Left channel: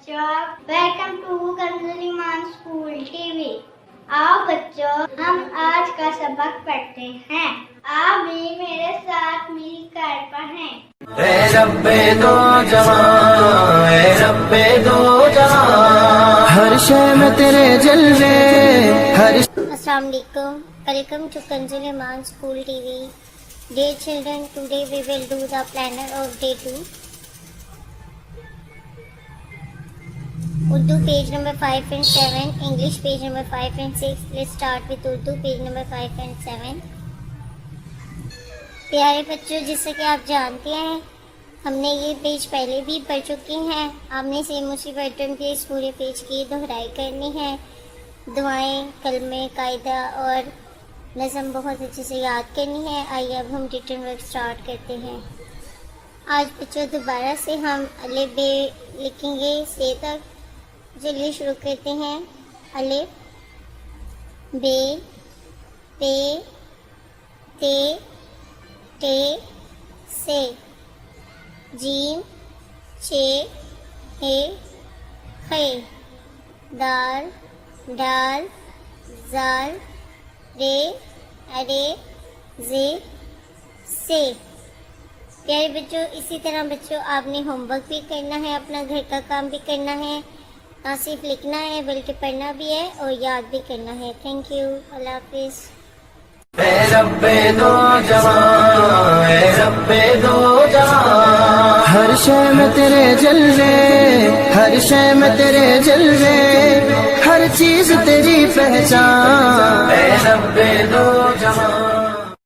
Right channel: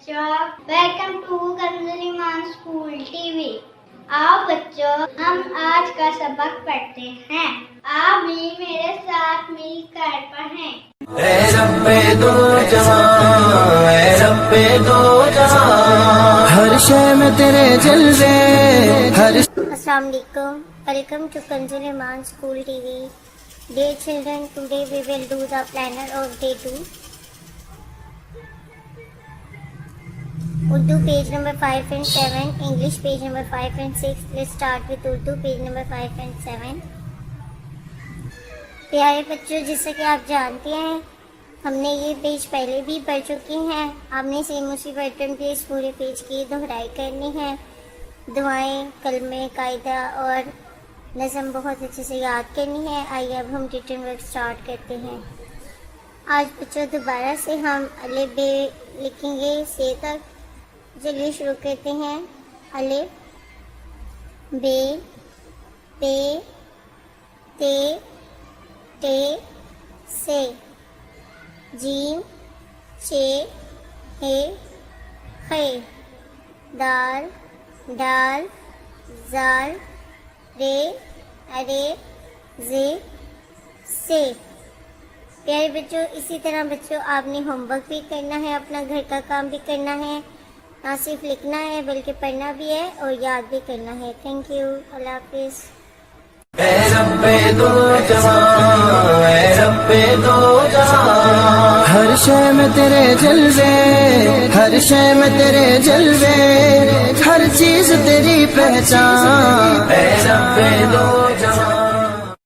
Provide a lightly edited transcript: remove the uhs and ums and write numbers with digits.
बच्चों, welcome to Kanzul Iman school TV. आओ बच्चों, हम आज का सबक पढ़ते हैं। आप भी मेरे साथ मिलकर पढ़ें। ए रब्बे दो जहां, ए रब्बे दो जहां, हर शय में तेरे जलवे, हर अस्सलाम वालेकुम, welcome to Kanzul Iman school TV. Dear children, today we will do the planner of day 2. Urdu page number 5 and 7, English page number 5 and 6. Let's start with Urdu page number 5 and 7. प्यारे बच्चों, जैसा कि आप जानते हैं, हमने ये पेज पहले भी पढ़ चुके हैं। आपने सेम उसी पैटर्न पे इस पूरे पेज की दोहराई करनी है। दुआएं, कलमे, कायदा और नज़म बहुत अच्छे से याद करनी है। आइए अब हम रिटन वर्क स्टार्ट करते हैं। आज बच्चों दोबारा से हम अलिफ बे लिखेंगे से तक। जल्दी शुरू करते हैं। अलिफ बे पे ते टे से, जीम चे हे खे, दाल डाल जाल रे अरे जे से। प्यारे बच्चों, इसी तरह बच्चों आपने होमवर्क भी करना है, अपना घर का काम भी करना है। ना सिर्फ लिखना है बल्कि पढ़ना भी है और याद भी करना है। थैंक यू, अल्लाह हाफिज। ए रब्बे दो जहां, ए रब्बे दो जहां, हर शय में तेरे जलवे, हर शय में तेरे जलवे, हर चीज तेरी पहचान, ए रब्बे दो जहां।